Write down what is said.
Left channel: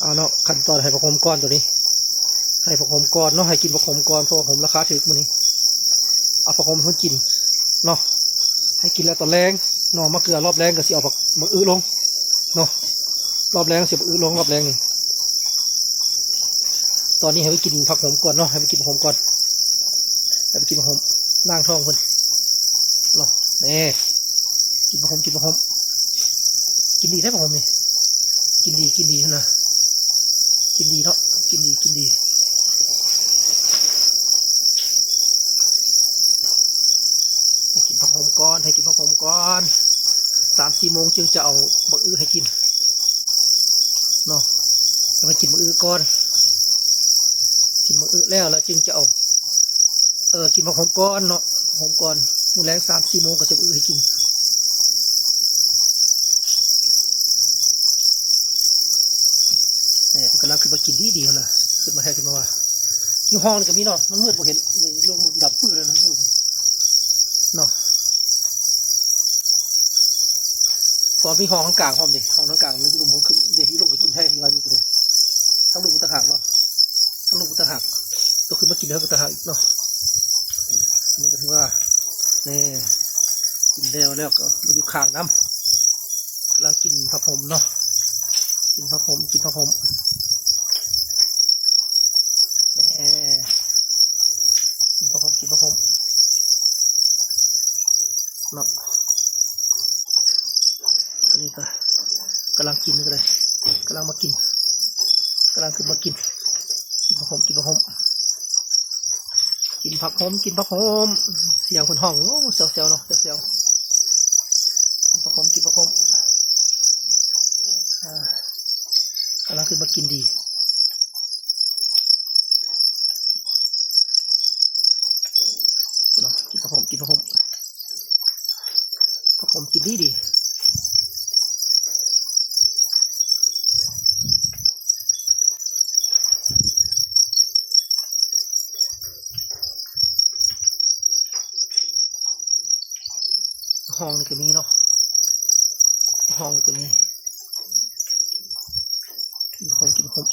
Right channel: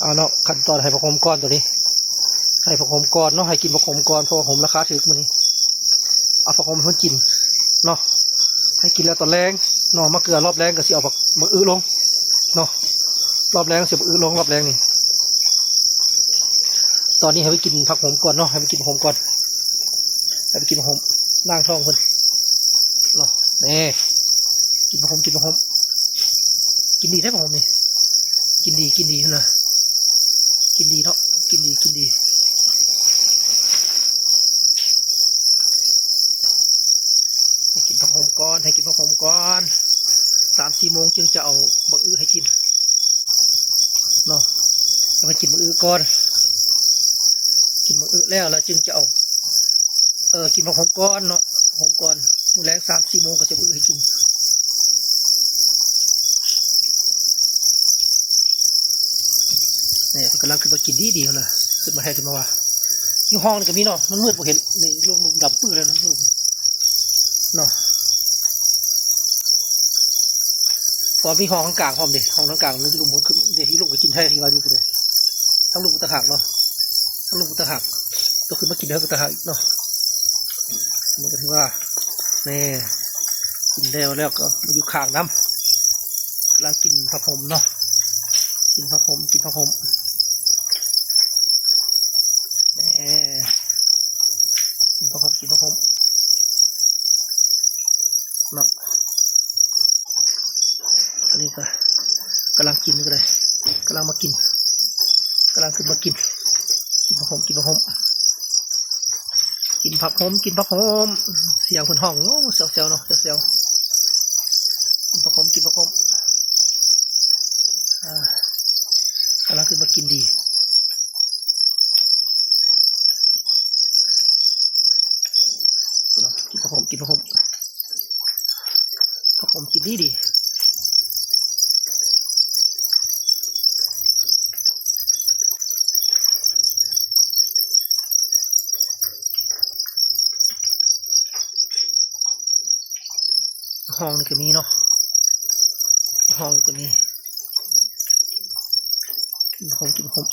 เอาเนาะขั้นตอนให้ผักโขมก้อนตัวนี้ให้ผักโขมก้อนเนาะให้กินผักโขมก้อนเพราะว่าผมราคาถูกมื้อนี้เอาผักโขมให้คนกินเนาะให้กินแล้วตอนแรงเนาะมะเกลือรอบแรงก็สิเอาผักมะอื้อลงเนาะรอบแรงสิมะอื้อลงรอบแรงนี่ตอนนี้ให้ไปกินผักโขมก่อนเนาะให้ไปกินผักโขมก่อนให้ไปกินผักโขมล่างท้องคนเนาะนี่กินผักโขมกินผักโขมกินดีได้ผักโขมนี่กินดีนะกินดีเนาะกินดีให้กินผักโขมก่อนให้กินผักโขมก่อน3-4 โมงจึงจะเอามะอื้อให้กินเนาะจะไปกินมะอื้อก่อนกินมะอื้อแล้วจึงจะเอากินผักโขมก่อนเนาะผักโขมก่อนมื้อแรง3-4 โมงก็จะมะอื้อให้กินนี่กำลังขึ้นมากินดีนะขึ้นมาให้ขึ้นมาว่าอยู่ห้องนี่ก็มีเนาะมันมืดผมเห็นนี่ลมดับปื้อเลยนะเนาะพอมีห้องข้างกลางห้องดิห้องข้างกลางนี่ลุงผมขึ้นเดี๋ยวที่ลุงไปกินให้ที่วันนี้กูเลยทั้งลุงกุตะหักเนาะทั้งลุงกุตะหักก็ขึ้นมากินเท่ากุตะหักเนาะมันก็ถือว่านี่กินแล้วก็มาอยู่ข้างน้ำกำลังกินผักโขมเนาะกินผักโขมนี่กินผักโขมกินผักโขมเนาะอันนี้ก็กำลังกินนี่ก็เลยกำลังมากินกำลังขึ้นมากินผักโขมกินผักโขมกินผักโขมกินผักโขมเสียงคนห้องโอ้เซลเนาะเซลกินผักโขมกินผักโขมกำลังขึ้นมากินดีเนาะกินผักโขมกินผักโขมผักโขมกินดีห้องนี่ก็มีเนาะห้องนี่ก็มีกินผักโขม